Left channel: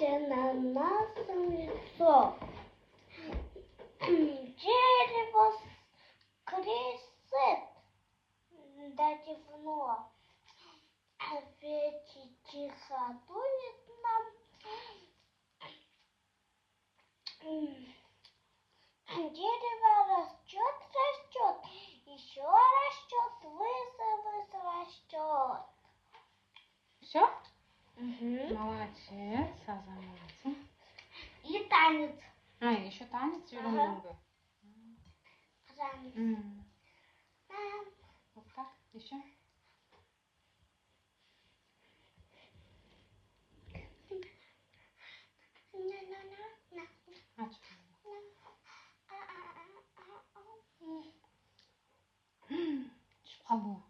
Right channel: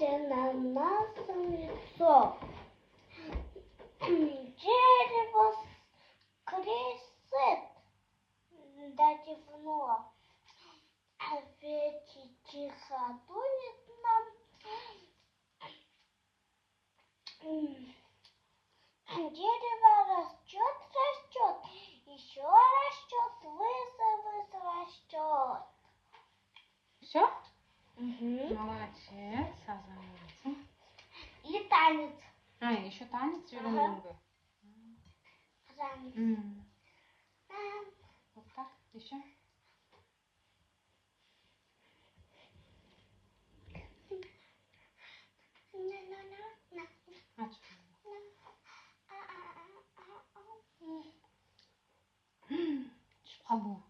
на нас лицо. Дерево скресет до темно. Ветер тихо дует нам. Дерево растет, еще растет, растет. Все? Угу. Молодец, согласен. И танец. Еще танец много. Танец. Вот так, еще. Шалу.